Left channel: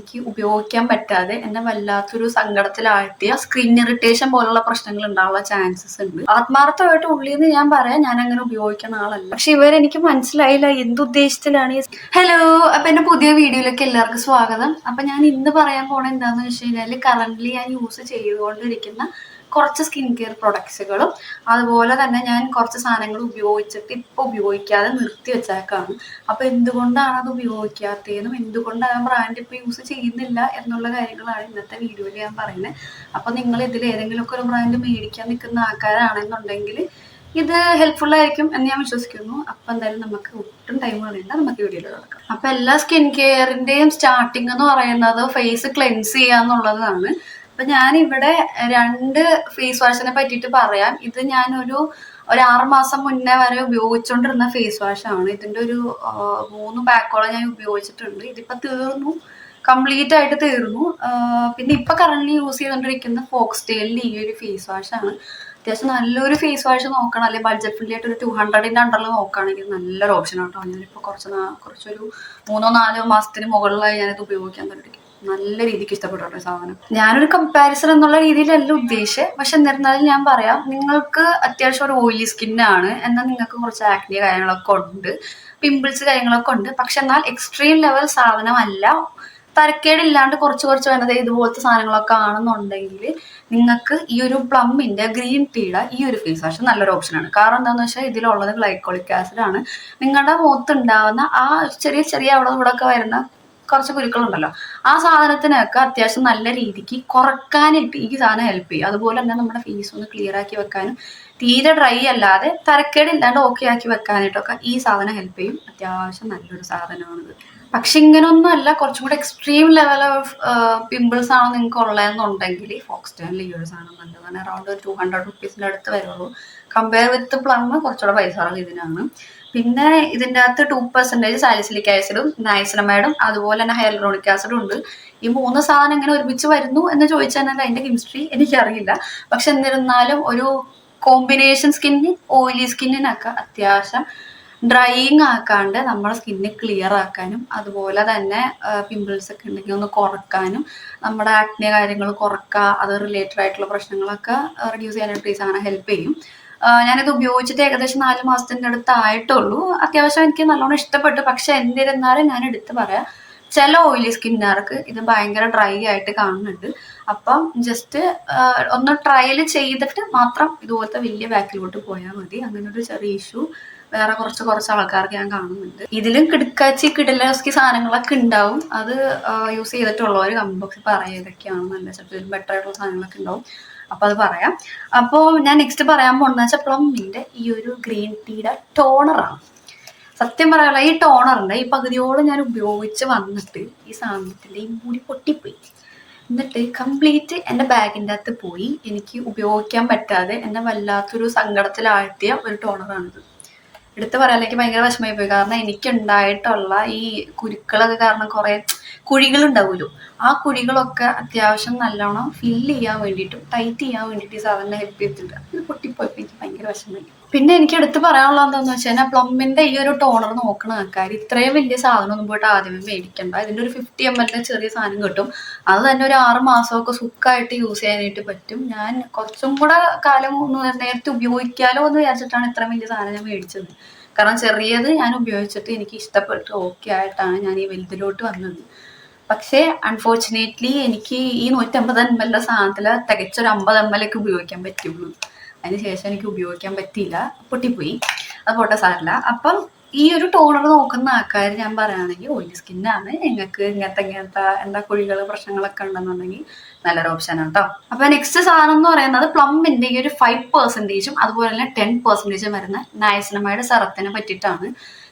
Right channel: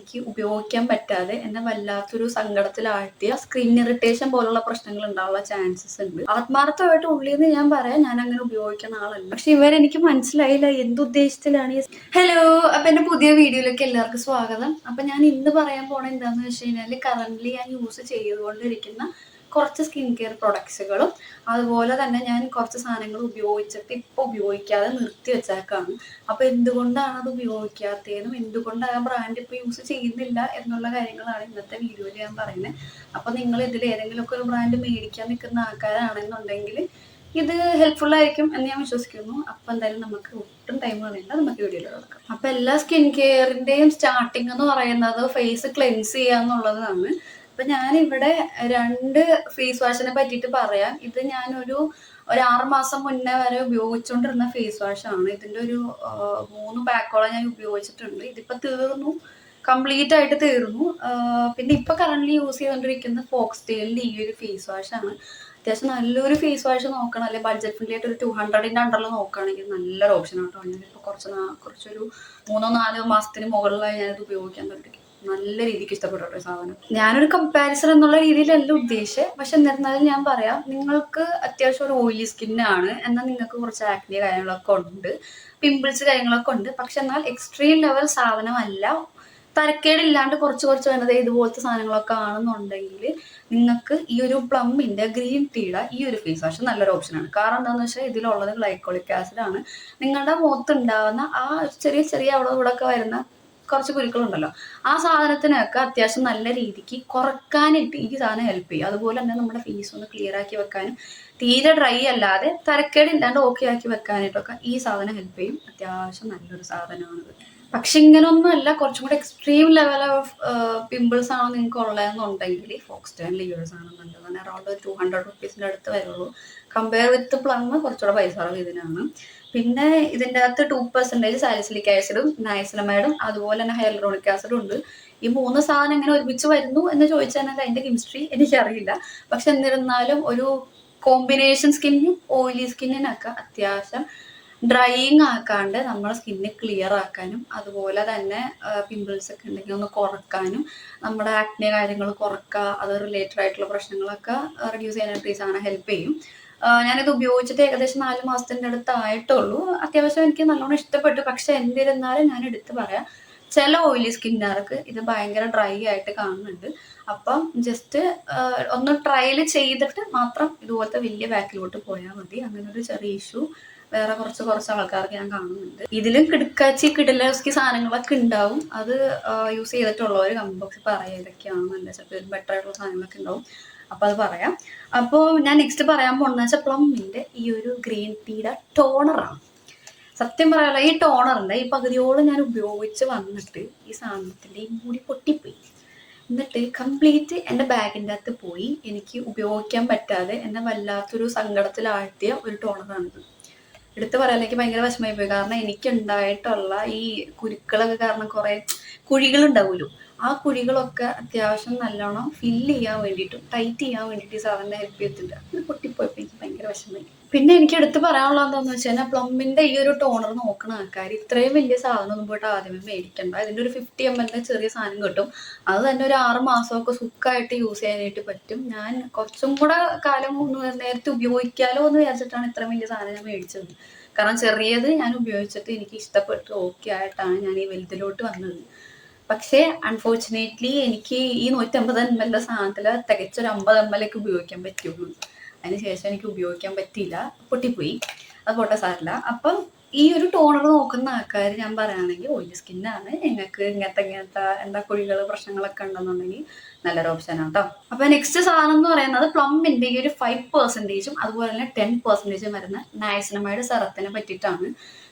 എനിക്ക് ഉപയോഗിക്കാൻ പറ്റാതെ എന്നെ വല്ലാത്തൊരു സങ്കടത്തിലാഴ്ത്തിയ സ്കിൻ ഇറിറ്റേഷൻ പോലുള്ള പ്രശ്നങ്ങൾ ഉണ്ടാവാനുള്ള ചാൻസസ് ഉണ്ട്. ആത്മാർത്ഥമായിട്ട് ഉള്ളിൽ നിന്ന് ഞാൻ പറയാം, ഞാൻ അങ്ങനെ ഉപയോഗിക്കുന്ന ആളല്ല. പക്ഷെ ഇവരെനിക്ക് മനസ്സിലായില്ല എന്തുദ്ദേശത്തിലാണ് ഹലോ, അപ്പൊ എന്റെ പുതിയ വീഡിയോയിലേക്ക് എല്ലാവർക്കും സ്വാഗതം. അപ്പൊ ഞാൻ ഇന്ന് പറയാൻ പോണ എന്താന്ന് വെച്ച് കഴിഞ്ഞാല് കറന്റ്ലി ഞാൻ യൂസ് ചെയ്തുകൊണ്ടിരിക്കുന്ന കുറച്ച് സ്കിൻ കെയർ പ്രൊഡക്ട്സുകളും അതുപോലെ തന്നെ ഞാൻ കുറച്ച് സാധനങ്ങൾ ഉപയോഗിച്ചിട്ട് ഇപ്പൊ ഉപയോഗിക്കാതെ നിർത്തി വെച്ചേക്കാണ്. അപ്പൊ എന്തുകൊണ്ടാണ് അത് ഉപയോഗിക്കാത്തതെന്നും എന്തുകൊണ്ടാണ് ആ ബ്രാൻഡ് ഇപ്പൊ യൂസ് ചെയ്യുന്നില്ല എന്നുള്ള കാര്യങ്ങളാണ് ഇന്നത്തെ വീഡിയോയിൽ ഞാൻ പറയുന്നത്. അപ്പൊ നിങ്ങൾ ഇതിൽ ഏതെങ്കിലുമൊക്കെ ഒരു ബ്രാൻഡ് മേടിക്കാൻ നിൽക്കുന്ന ആൾക്കാരാണെന്നുണ്ടെങ്കിൽ ഇത് ഹെൽപ്ഫുൾ ആയിരിക്കും എന്ന് ഞാൻ വിശ്വസിക്കുന്നു. അപ്പൊ എന്തായാലും നമുക്ക് ഒട്ടും ടൈം കളയണ്ട, നമുക്ക് വീഡിയോയിൽ കിടക്കാം. അപ്പൊ എല്ലാ സ്കിൻ കെയറിന്റെയും സ്റ്റാർട്ടിങ് എന്ന് പറയുന്നത് ഫേസ് ക്ലെൻസ് ചെയ്യാന്നുള്ളതാണ്. അപ്പൊ ഞാനിവിടെ 2 ഫേസ് വാഷിനെ പറ്റിയിട്ട് പറയാം. ഇത് ഞാനൊരു 6 മാസം മുന്നേ വരെ ഉപയോഗിച്ചുകൊണ്ടിരുന്ന ഫേസ് വാഷ് ആണ്. ഇതിന്റെ ഒരു 3 പാക്കോളം ഞാൻ ഉപയോഗിച്ചിട്ടുണ്ട്. ഇതിപ്പോ തീർന്നു, കംപ്ലീറ്റ് ആയിട്ട് തീർന്നു. പിന്നെ ഇപ്പൊ കറന്റ് യൂസ് ചെയ്തുകൊണ്ടിരിക്കുന്ന ഫോക്സ്ടെയിലിന്റെ ഈ ഒരു ഫേസ് വാഷ് ആണ്. അത്യാവശ്യം നല്ലൊരു ഫേസ് വാഷ് നോക്കണം, അല്ലെങ്കിൽ ബഡ്ജറ്റ് ഫ്രണ്ട്ലി ആയിട്ട് ഒരു 200ന്റെ അണ്ടറിൽ നോക്കുകയാണെങ്കിൽ നല്ലൊരു ഓപ്ഷൻ ആട്ടോ. ഞാനിപ്പോ കുറച്ചൊരു 3-4 മാസത്തിന് മുകളിലായി ഞാനത് ഉപയോഗിക്കാൻ തുടങ്ങി. നല്ല രീതിക്ക് ഇഷ്ടപ്പെട്ടു സാധനം. ഞാനൊരു കമ്പാരിസൺ എന്നുള്ള രീതിയിലല്ല ഉദ്ദേശിച്ചത്, പക്ഷെ എന്നിരുന്നാലും ഞാൻ പറയാം, നിങ്ങൾക്ക് അത്യാവശ്യം ഒരു ഓയിലി സ്കിന്നാണ്, എന്നാൽ നിങ്ങൾക്ക് കുറച്ച് ആക്നി കാര്യങ്ങളൊക്കെ ഉണ്ട്, പിമ്പിൾസ് കാര്യങ്ങളൊക്കെ ഉണ്ട്. പക്ഷെ എന്നാൽ എക്സ്ട്രീം ലെവൽ സാധനമല്ല, തരക്കേടില്ലാണ്ട് കുറച്ച് വേണ്ടത് ഇതുപോലത്തെ സാധനങ്ങളൊക്കെ ആണെന്നുണ്ടെങ്കിൽ നിങ്ങൾക്ക് ഈ ഒരു പ്ലമ്മിന്റെ ഗ്രീൻ ടീയുടെ ഈ ഒരു ഫേസ് വാഷ് നല്ലൊരു ഓപ്ഷനാണ്. കാരണം എന്താണെന്ന് വെച്ചാൽ ഇതിലുള്ളത് ഗ്ലൈക്കോളിക് ആസിഡ് ആണ്. നിങ്ങളുടെ മുഖത്തുണ്ടാവുന്ന ആ ചെറിയ അവിടെ ഇവിടെ ഒക്കെ വരുന്ന കുറച്ച് കുരുക്കളുണ്ടല്ലോ, ആ സാധനത്തിനൊക്കെ അത്യാവശ്യം നല്ല രീതിക്ക് കുറക്കാനായിട്ട് ഈ സാധനം ഹെൽപ്പ് ചെയ്യും. അതുപോലെ തന്നെ നമ്മുടെ ഫേസ് ഒന്ന് ക്ലിയർ ആക്കി വെക്കാനും, തീരെ ഡ്രൈ അല്ലാതെ തരക്കേടില്ലാണ്ട് ഓക്കെ ആക്കി വെക്കാനായിട്ടൊക്കെ ഈ സാധനം ഹെൽപ്പ് ചെയ്യും. അത്യാവശ്യം നല്ലൊരു സാധനമാണിത്. പക്ഷെ ഇങ്ങനൊന്നും അല്ല, കുറച്ചും കൂടെ എക്സ്ട്രീം ലെവൽ ഓഫ് പിമ്പിൾസ് ആണ് നിങ്ങൾക്ക് ഉള്ളതെന്നുണ്ടെങ്കിൽ ഫോക്സ്ടെയിലിൽ ഈ ഒരു സാധനം നല്ലതാണ്. അറൗണ്ട് 200 റുപ്പീസിന്റെ അടുത്ത് വരുള്ളൂ. കമ്പയർ വിത്ത് പ്ലം കുറച്ചുകൂടെ പൈസ ഇതിനാണ്. പിന്നെ ഇതിൻ്റെ അകത്ത് 2% സാലിസിലിക് ആസിഡും നൈസിനമൈഡും അതുപോലെ തന്നെ ഹൈലൂറോണിക് ആസിഡും ഉണ്ട്. ഈ 3 സാധനം എങ്ങനെ ഒരുമിച്ച് വരുന്നു എന്ന് ചോദിച്ചാൽ അതിന്റെ കെമിസ്ട്രി എനിക്കറിയില്ല. പക്ഷെ എന്നിരുന്നാലും ഒരു കോമ്പിനേഷൻ സ്കിന്നിന്, ഓയിലി സ്കിന്നിനൊക്കെ അത്യാവശ്യം ഡ്രൈയിങ് ആക്കാണ്ട് നമ്മുടെ സ്കിന്ന് ക്ലിയർ ആക്കാനും, അതുപോലെ തന്നെ പിമ്പിൾസ് ഒക്കെ ഉണ്ടെങ്കിൽ ഒന്ന് കുറക്കാനും, നമ്മുടെ ആക്നെ കാര്യങ്ങൾ കുറക്കുക, അത് റിലേറ്റഡ് ആയിട്ടുള്ള പ്രശ്നങ്ങളൊക്കെ റിഡ്യൂസ് ചെയ്യാനായിട്ട് അങ്ങനെ ഹെൽപ്പ് ചെയ്യും. ഞാനിത് ഉപയോഗിച്ചിട്ട് ഏകദേശം 4 മാസത്തിൻ്റെ അടുത്ത് ആയിട്ടുള്ളൂ. അത്യാവശ്യം എനിക്ക് നല്ലോണം ഇഷ്ടപ്പെട്ടു. പക്ഷെ എന്നിരുന്നാലും ഞാൻ എടുത്ത് പറയാം, ചില ഓയിലി സ്കിന്നുകാർക്ക് ഇത് ഭയങ്കര ഡ്രൈ ആയിട്ട് കാണുന്നുണ്ട്. അപ്പം ജസ്റ്റ് ഒന്ന് ട്രയൽ ചെയ്തിട്ട് മാത്രം ഇതുപോലത്തെ വലിയ ബാക്കിലോട്ട് പോയാൽ മതി. അങ്ങനെ ഒരു ചെറിയ ഇഷ്യൂ വേറെ കുറച്ച് ആൾക്കാർക്ക് ഞാൻ കാണുന്നുണ്ട്. ഇതിലും കിടലസ്കി സാധനങ്ങളൊക്കെ ഉണ്ടാവും. അത് യൂസ് ചെയ്തിട്ടുള്ളവർ കമന്റ് ബോക്സിൽ പറയാം ഏതൊക്കെയാണെന്നല്ല, ചിലപ്പോൾ ബെറ്റർ ആയിട്ടുള്ള സാധനങ്ങളൊക്കെ ഉണ്ടാവും. അപ്പൊ അത് പറയാം. അപ്പോൾ ഞാൻ നെക്സ്റ്റ് പറയാൻ പോകുന്നത് വെച്ചാൽ പ്ലമ്മിന്റെ ഈ ഒരു ഗ്രീൻ ടീയുടെ ടോണറാണ്. സത്യം പറയാനുള്ള ഈ ടോണറിന്റെ ഈ പകുതിയോളം ഞാൻ ഉപയോഗിച്ച് വന്നിട്ട് ഈ സാധനത്തിന്റെ ഈ മുടി പൊട്ടിപ്പോയി. എന്നിട്ട് കംപ്ലീറ്റ് എൻ്റെ ബാഗിൻ്റെ അകത്ത് പോയി. എനിക്ക് ഉപയോഗിക്കാൻ പറ്റാതെ എന്നെ വല്ലാത്തൊരു സങ്കടത്തിലാഴ്ത്തിയ ഒരു ടോണറാണിത്. എടുത്ത് പറയാലേക്ക് ഭയങ്കര വിഷമമായി പോയി. കാരണം എനിക്കുണ്ടായിട്ടുള്ള ഈ കുരുക്കളൊക്കെ കാരണം കുറെ കുഴികൾ ഉണ്ടാവുമല്ലോ, ആ കുഴികളൊക്കെ അത്യാവശ്യം നല്ലോണം ഫില്ല് ചെയ്യാൻ വേണ്ടിയിട്ടും ടൈറ്റ് ചെയ്യാൻ വേണ്ടിയിട്ട് ഈ സാധനം ഹെൽപ്പ് ചെയ്തിട്ടുണ്ട്. ഇത് പൊട്ടിപ്പോയപ്പോൾ എനിക്ക് ഭയങ്കര വിഷമമായി. പിന്നെ എനിക്ക് എടുത്ത് പറയാനുള്ളത് എന്താണെന്ന് വെച്ച് കഴിഞ്ഞാൽ, പ്ലമ്മിന്റെ ഈ ഒരു ടോണർ നോക്കുന്ന ആൾക്കാർ ഇത്രയും വലിയ സാധനം ഒന്നും പോയിട്ട് ആദ്യമേ മേടിക്കണ്ട. ഇതിന്റെ ഒരു 50 ml ചെറിയ സാധനം കിട്ടും. അത് തന്നെ ഒരു 6 മാസമൊക്കെ സുഖമായിട്ട് യൂസ് ചെയ്യാനായിട്ട് പറ്റും. ഞാൻ കുറച്ചും കൂടെ കാലം നേരത്തെ ഉപയോഗിക്കാലോ എന്ന് വിചാരിച്ചിട്ടാണ് ഇത്ര വലിയ സാധനം ഞാൻ മേടിച്ചത്. കാരണം ചെറിയത് ഞാൻ ഉപയോഗിച്ചിട്ട് എനിക്ക് ഇഷ്ടപ്പെട്ട് ഓക്കെ ആയിട്ടാണ് ഞാൻ ഈ വലുതിലോട്ട് വന്നത്. പക്ഷേ അൺഫോർച്ചുനേറ്റ്ലി എനിക്ക് ഈ 150 ml സാധനത്തില് തികച്ചൊരു 50 ml ഒക്കെ ഉപയോഗിക്കാൻ പറ്റുള്ളൂ. അതിനുശേഷം എനിക്ക് ഉപയോഗിക്കാൻ പറ്റിയില്ല, പൊട്ടിപ്പോയി. അത് പോട്ടെ, സാരില്ല. അപ്പം ഈ ഒരു ടോണർ നോക്കുന്ന ആൾക്കാർ ഞാൻ പറയുകയാണെങ്കിൽ ഓയിലി സ്കിന്നാണ്, നിങ്ങൾക്ക് ഇങ്ങനത്തെ എന്താ കുഴികൾ പ്രശ്നങ്ങളൊക്കെ ഉണ്ടെന്നുണ്ടെങ്കിൽ നല്ലൊരു ഓപ്ഷനാണ് കേട്ടോ. അപ്പൊ നെക്സ്റ്റ് സാധനം എന്ന് പറയുന്നത് പ്ലമ്മിന്റെ ഈ ഒരു 5% അതുപോലെ തന്നെ 10% വരുന്ന നയസിനമൈഡ് സെറത്തിനെ പറ്റിയിട്ടാണ്.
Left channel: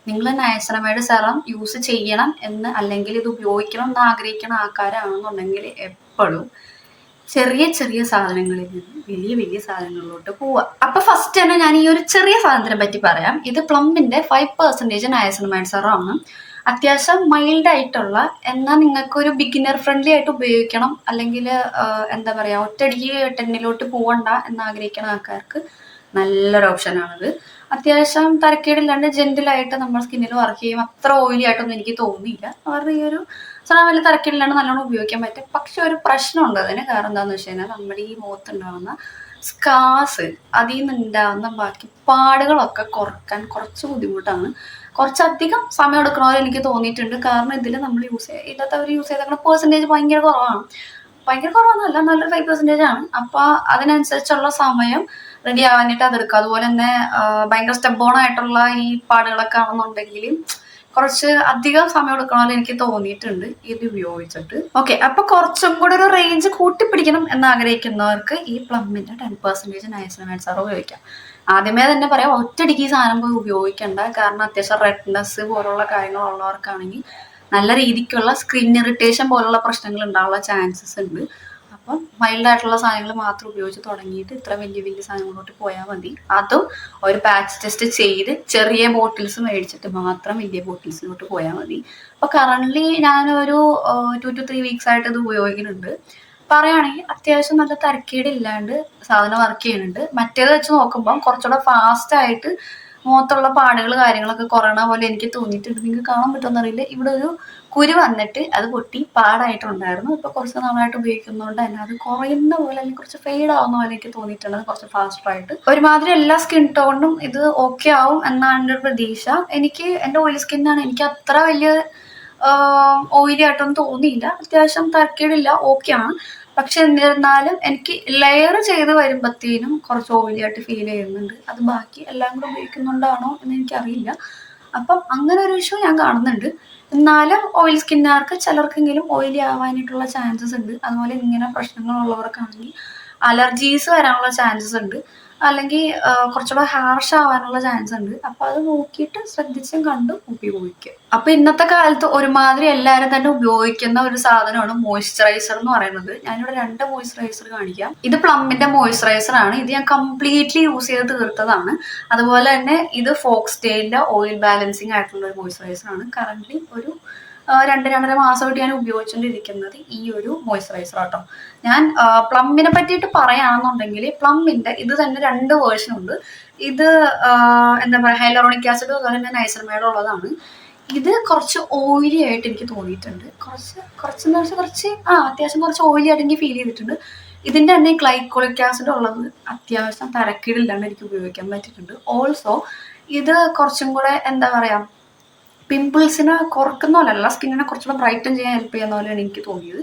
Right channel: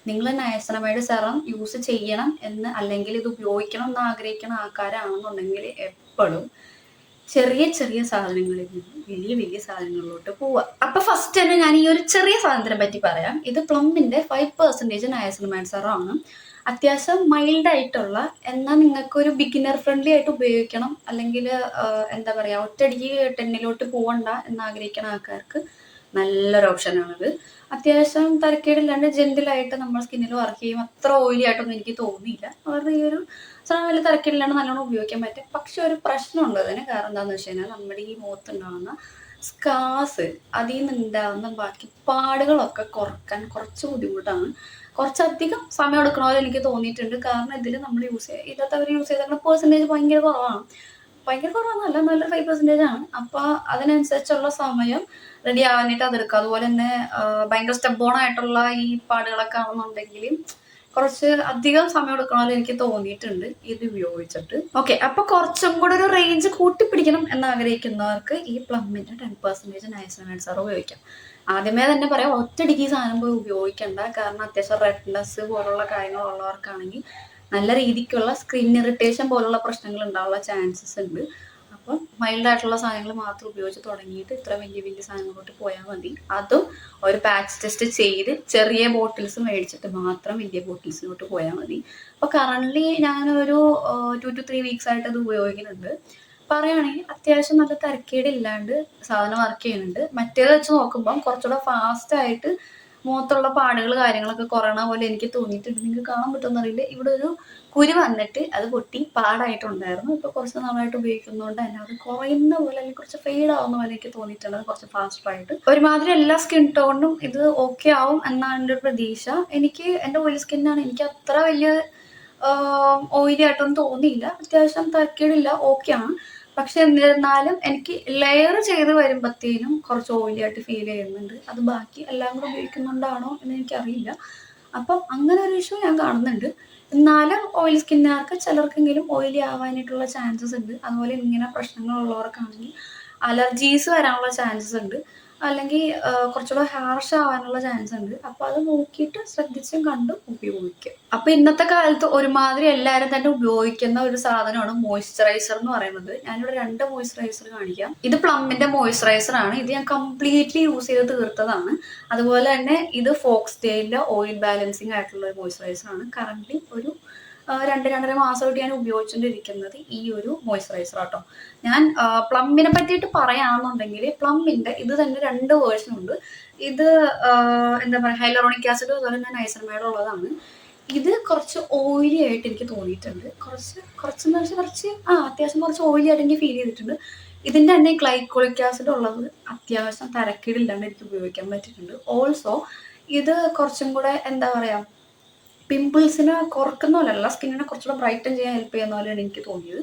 നിങ്ങൾ നയസിനമൈഡ് സെറം യൂസ് ചെയ്യണം എന്ന് അല്ലെങ്കിൽ ഇത് ഉപയോഗിക്കണം എന്ന് ആഗ്രഹിക്കുന്ന ആൾക്കാരാണെന്നുണ്ടെങ്കിൽ എപ്പോഴും ചെറിയ സാധനങ്ങളിൽ നിന്ന് വലിയ സാധനങ്ങളിലോട്ട് പോവുക. അപ്പൊ ഫസ്റ്റ് തന്നെ ഞാൻ ഈ ഒരു ചെറിയ സാധനത്തിനെ പറ്റി പറയാം. ഇത് പ്ലമ്മിന്റെ 5% നയസിനമൈഡ് സെറം. അത്യാവശ്യം മൈൽഡ് ആയിട്ടുള്ള, എന്നാൽ നിങ്ങൾക്ക് ഒരു ബിഗിനർ ഫ്രണ്ട്ലി ആയിട്ട് ഉപയോഗിക്കണം, അല്ലെങ്കിൽ എന്താ പറയാ ഒറ്റയടിക്ക് 10ലോട്ട് പോകണ്ട എന്ന് ആഗ്രഹിക്കുന്ന ആൾക്കാർക്ക് നല്ലൊരു ഓപ്ഷനാണിത്. അത്യാവശ്യം തരക്കേടില്ലാണ്ട് ജെന്റിലായിട്ട് നമ്മുടെ സ്കിന്നിൽ വർക്ക് ചെയ്യും. അത്ര ഓയിലി ആയിട്ടൊന്നും എനിക്ക് തോന്നിയില്ല. അവരുടെ ഈ ഒരു സാധനം വലിയ തരക്കേടില്ലാണ്ട് നല്ലോണം ഉപയോഗിക്കാൻ പറ്റും. പക്ഷെ ഒരു പ്രശ്നമുണ്ട് അതിന്. കാരണം എന്താണെന്ന് വെച്ച് കഴിഞ്ഞാൽ നമ്മുടെ ഈ മുഖത്തുണ്ടാകുന്ന സ്കാസ്, അതിൽ നിന്നുണ്ടാകുന്ന ബാക്കി പാടുകളൊക്കെ കുറക്കാൻ കുറച്ച് ബുദ്ധിമുട്ടാണ്. കുറച്ചധികം സമയം എടുക്കണമെന്ന് എനിക്ക് തോന്നിയിട്ടുണ്ട്. കാരണം ഇതിൽ നമ്മൾ ഇല്ലാത്തവർ യൂസ് ചെയ്ത പെർസെൻറ്റേജ് ഭയങ്കര കുറവാണ്. ഭയങ്കര കുറവൊന്നുമല്ല, നല്ലൊരു 5% ആണ്. അപ്പൊ അതിനനുസരിച്ചുള്ള സമയം റെഡി ആവാനായിട്ട് അതെടുക്കുക. അതുപോലെ തന്നെ ഭയങ്കര സ്റ്റെബോൺ ആയിട്ടുള്ള ഈ പാടുകളൊക്കെ ആണെന്നുണ്ടെങ്കിൽ കുറച്ച് അധികം സമയം എടുക്കണമെന്ന് എനിക്ക് തോന്നിയിട്ടുണ്ട് ഇത് ഉപയോഗിച്ചിട്ട്. ഓക്കെ, അപ്പൊ കുറച്ചും കൂടെ ഒരു റേഞ്ച് കൂട്ടിപ്പിടിക്കണം എന്ന് ആഗ്രഹിക്കുന്നവർക്ക് ഈ പ്ലമ്മിന്റെ 10% നൈസിനമൈഡ് സാർ ഉപയോഗിക്കാം. ആദ്യമേ തന്നെ പറയാം, ഒറ്റയടിക്ക് ഈ സാധനം പോയി ഉപയോഗിക്കണ്ട. കാരണം അത്യാവശ്യം റെഡ്നെസ് പോലുള്ള കാര്യങ്ങളുള്ളവർക്കാണെങ്കിൽ നല്ല രീതിക്കുള്ള സ്കിൻ ഇറിറ്റേഷൻ പോലുള്ള പ്രശ്നങ്ങൾ ഉണ്ടാവാനുള്ള ചാൻസസ് ഉണ്ട്. അപ്പം മൈൽഡ് ആയിട്ടുള്ള സാധനങ്ങൾ മാത്രം ഉപയോഗിച്ച് തുടങ്ങിയിട്ട് ഇത്ര വലിയ വലിയ സാധനങ്ങളോട്ട് പോയാൽ മതി. അതും ഒരു പാച്ച് ടെസ്റ്റ് ചെയ്ത് ചെറിയ ബോട്ടിൽസ് മേടിച്ചിട്ട് മാത്രം വലിയ ബോട്ടിൽസിലോട്ട് പോയാൽ മതി. അപ്പോൾ കറൻ്റ്ലി ഞാനൊരു 2 to 3 വീക്സ് ആയിട്ട് ഇത് ഉപയോഗിക്കുന്നുണ്ട്. പറയുകയാണെങ്കിൽ അത്യാവശ്യം നല്ല തരക്കേടില്ലാണ്ട് സാധനം വർക്ക് ചെയ്യുന്നുണ്ട്. മറ്റേത് വെച്ച് നോക്കുമ്പം കുറച്ചുകൂടെ ഫാസ്റ്റ് ആയിട്ട് മുഖത്തുള്ള പാടുകൾ കാര്യങ്ങളൊക്കെ കുറയണ പോലെ എനിക്ക് തോന്നിയിട്ടുണ്ട്. നിങ്ങൾക്ക് കാണാൻ പറ്റുമെന്നറിയില്ല, ഇവിടെ ഒരു കുരു വന്നിട്ട് അത് പൊട്ടി പാടായിട്ടുണ്ടായിരുന്നു. ഇപ്പൊ കുറച്ച് നാളായിട്ട് ഉപയോഗിക്കുന്നതുകൊണ്ട് തന്നെ അത് കുറയുന്ന പോലെ അല്ലെങ്കിൽ കുറച്ച് ഫെയ്ഡ് ആവുന്ന പോലെ എനിക്ക് തോന്നിയിട്ടുണ്ട്. കുറച്ച് ഫാസ്റ്റർ ആയിട്ട് ഒരുമാതിരി എല്ലാ സ്കിൻ ടോണിനും ഇത് ഓക്കെ ആവും എന്നാണ് എൻ്റെ ഒരു പ്രതീക്ഷ. എനിക്ക് എൻ്റെ ഓയിലി സ്കിന്നാണ്, എനിക്ക് അത്ര വലിയ ഓയിലി ആയിട്ടൊന്നും തോന്നിയില്ല. അത്യാവശ്യം തരക്കേടില്ല, ഓക്കെയാണ്. പക്ഷെ എന്നിരുന്നാലും എനിക്ക് ലെയർ ചെയ്ത് വരുമ്പോഴത്തേനും കുറച്ച് ഓയിലി ആയിട്ട് ഫീൽ ചെയ്യുന്നുണ്ട്. അത് ബാക്കി എല്ലാം കൂടെ ഉപയോഗിക്കുന്നുണ്ടാണോ എന്ന് എനിക്കറിയില്ല. അപ്പം അങ്ങനെ ഒരു ഇഷ്യൂ ഞാൻ കാണുന്നുണ്ട്. എന്നാലും ഓയിൽ സ്കിന്നുകാർക്ക് ചിലർക്കെങ്കിലും ഓയിലി ആവാനായിട്ടുള്ള ചാൻസസ് ഉണ്ട്. അതുപോലെ ഇങ്ങനെ പ്രശ്നങ്ങളുള്ളവർക്കാണെങ്കിൽ അലർജീസ് വരാനുള്ള ചാൻസസ് ഉണ്ട്. അല്ലെങ്കിൽ കുറച്ചുകൂടെ ഹാർഷ് ആവാനുള്ള ചാൻസ് ഉണ്ട്. അപ്പൊ അത് നോക്കിയിട്ട് ശ്രദ്ധിച്ചും കണ്ടും ഉപയോഗിക്കുക. അപ്പൊ ഇന്നത്തെ കാലത്ത് ഒരുമാതിരി എല്ലാവരും തന്നെ ഉപയോഗിക്കുന്ന ഒരു സാധനമാണ് മോയ്സ്ചറൈസർ എന്ന് പറയുന്നത്. ഞാനിവിടെ 2 മോയ്സ്ചറൈസർ കാണിക്കാം. ഇത് പ്ലമ്മിന്റെ മോയ്സ്ചറൈസർ ആണ്. ഇത് ഞാൻ കംപ്ലീറ്റ്ലി യൂസ് ചെയ്ത് തീർത്തതാണ്. അതുപോലെ തന്നെ ഇത് ഫോക്സ്ടെയിലിന്റെ ഓയിൽ ബാലൻസിങ് ആയിട്ടുള്ള ഒരു മോയ്സ്ചറൈസർ ആണ്. കറന്റ് ഒരു 2-2.5 മാസമായിട്ട് ഞാൻ ഉപയോഗിച്ചുകൊണ്ടിരിക്കുന്നത് ഈ ഒരു മോയ്സ്ചറൈസർ ആട്ടോ. ഞാൻ പ്ലമ്മിനെ പറ്റിയിട്ട് പറയുകയാണെന്നുണ്ടെങ്കിൽ പ്ലമ്മിന്റെ ഇത് തന്നെ 2 വേർഷൻ ഉണ്ട്. ഇത് എന്താ പറയുക, ഹൈലറോണിക് ആസിഡ് അതുപോലെ തന്നെ നൈസർമൈഡ് ഉള്ളതാണ്. ഇത് കുറച്ച് ഓയിലി ആയിട്ട് എനിക്ക് തോന്നിയിട്ടുണ്ട്. കുറച്ചെന്ന് വെച്ചാൽ അത്യാവശ്യം കുറച്ച് ഓയിലി ആയിട്ട് എനിക്ക് ഫീൽ ചെയ്തിട്ടുണ്ട്. ഇതിന്റെ തന്നെ ഗ്ലൈക്കോളിക് ആസിഡ് ഉള്ളത് അത്യാവശ്യം തരക്കേടില്ലാണ്ട് എനിക്ക് ഉപയോഗിക്കാൻ പറ്റിയിട്ടുണ്ട്. ഓൾസോ ഇത് കുറച്ചും കൂടെ എന്താ പറയാ, പിമ്പിൾസിനെ കുറക്കുന്ന പോലെയല്ല, സ്കിന്നിനെ കുറച്ചുകൂടെ ബ്രൈറ്റൻ ചെയ്യാൻ ഹെൽപ്പ് ചെയ്യുന്ന പോലെയാണ് എനിക്ക് തോന്നിയത്.